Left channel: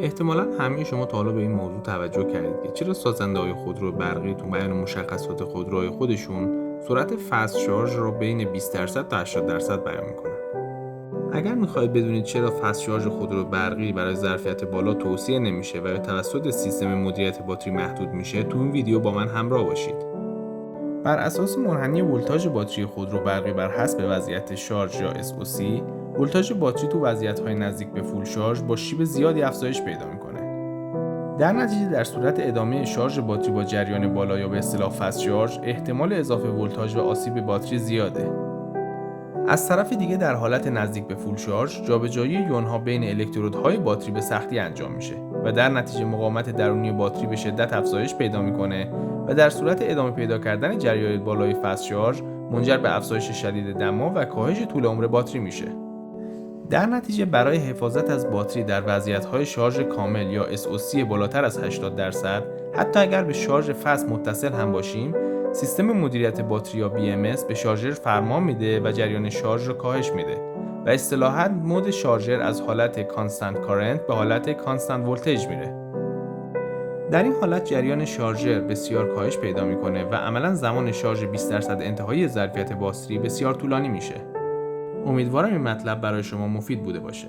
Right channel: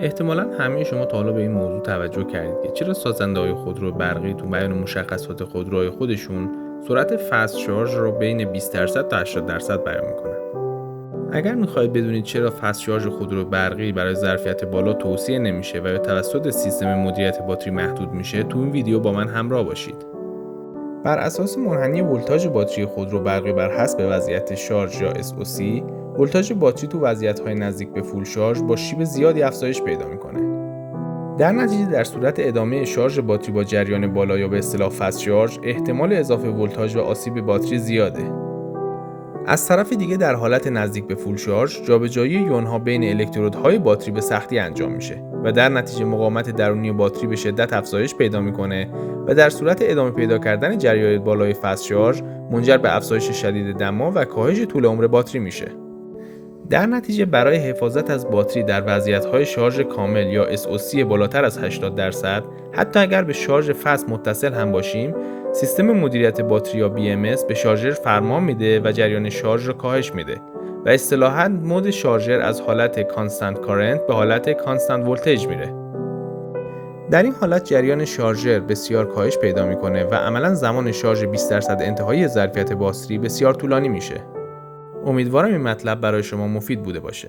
احتمالاً همه شما تا حالا به این موضوع توجه کردید که چرا سازنده‌های خودرو برقی تو بیان مشخصات خودروهای خودشون سرعت فست شارژ رو بین 20% تا 80% بیان میکنن. اگر میخواهید بدونید چرا فست شارژ خودرو برقی برای ظرفیت بالا توصیه نمیشه و یا توسط سیستم مدیریت باتری محدود میشه، تو این ویدیو با من همراه باشید. بر اساس منحنی ولتاژ باتری خودرو برقی بر حسب وضعیت شارژ یا SOC، ولتاژ باتری تو وضعیت‌های نزدیک به فول شارژ با شیب زیادی افزایش پیدا می‌کنه. در نتیجه در صورت ادامه شارژ باتری با جریان بالا یا به اصطلاح فست شارژ، احتمال اضافه ولتاژ و آسیب باتری زیاده. از طرف دیگه در حالت نزدیک به فول شارژ، جابجایی یونها بین الکترودهای باتری به سختی انجام میشه و در نتیجه مقاومت درونی باتری به شدت افزایش پیدا میکنه و در صورت ادامه پیدا کردن جریان بالای فست شارژ منجر به افزایش شدید دما و کاهش طول عمر باتری میشه. در نتیجه برای حفاظت از باتری در وضعیت‌های شارژ کامل یا SOC بالاتر از 80%، حتی اگر به شارژ فست متصل هم باشیم، سیستم مدیریت باتری یا BMS به شارژر فرمان میده و جریان شارژ را کاهش میده و اصطلاحاً مود شارژر از حالت کانستانت کارنت به حالت کانستانت ولتیج میره. در این حالت جریان شارژر بسیار کاهش پیدا میکنه و عملاً زمان شارژ 20% انتهایی ظرفیت باتری بسیار طولانی میشه. امیدوارم این مطلب برای شما مفید بوده باشه.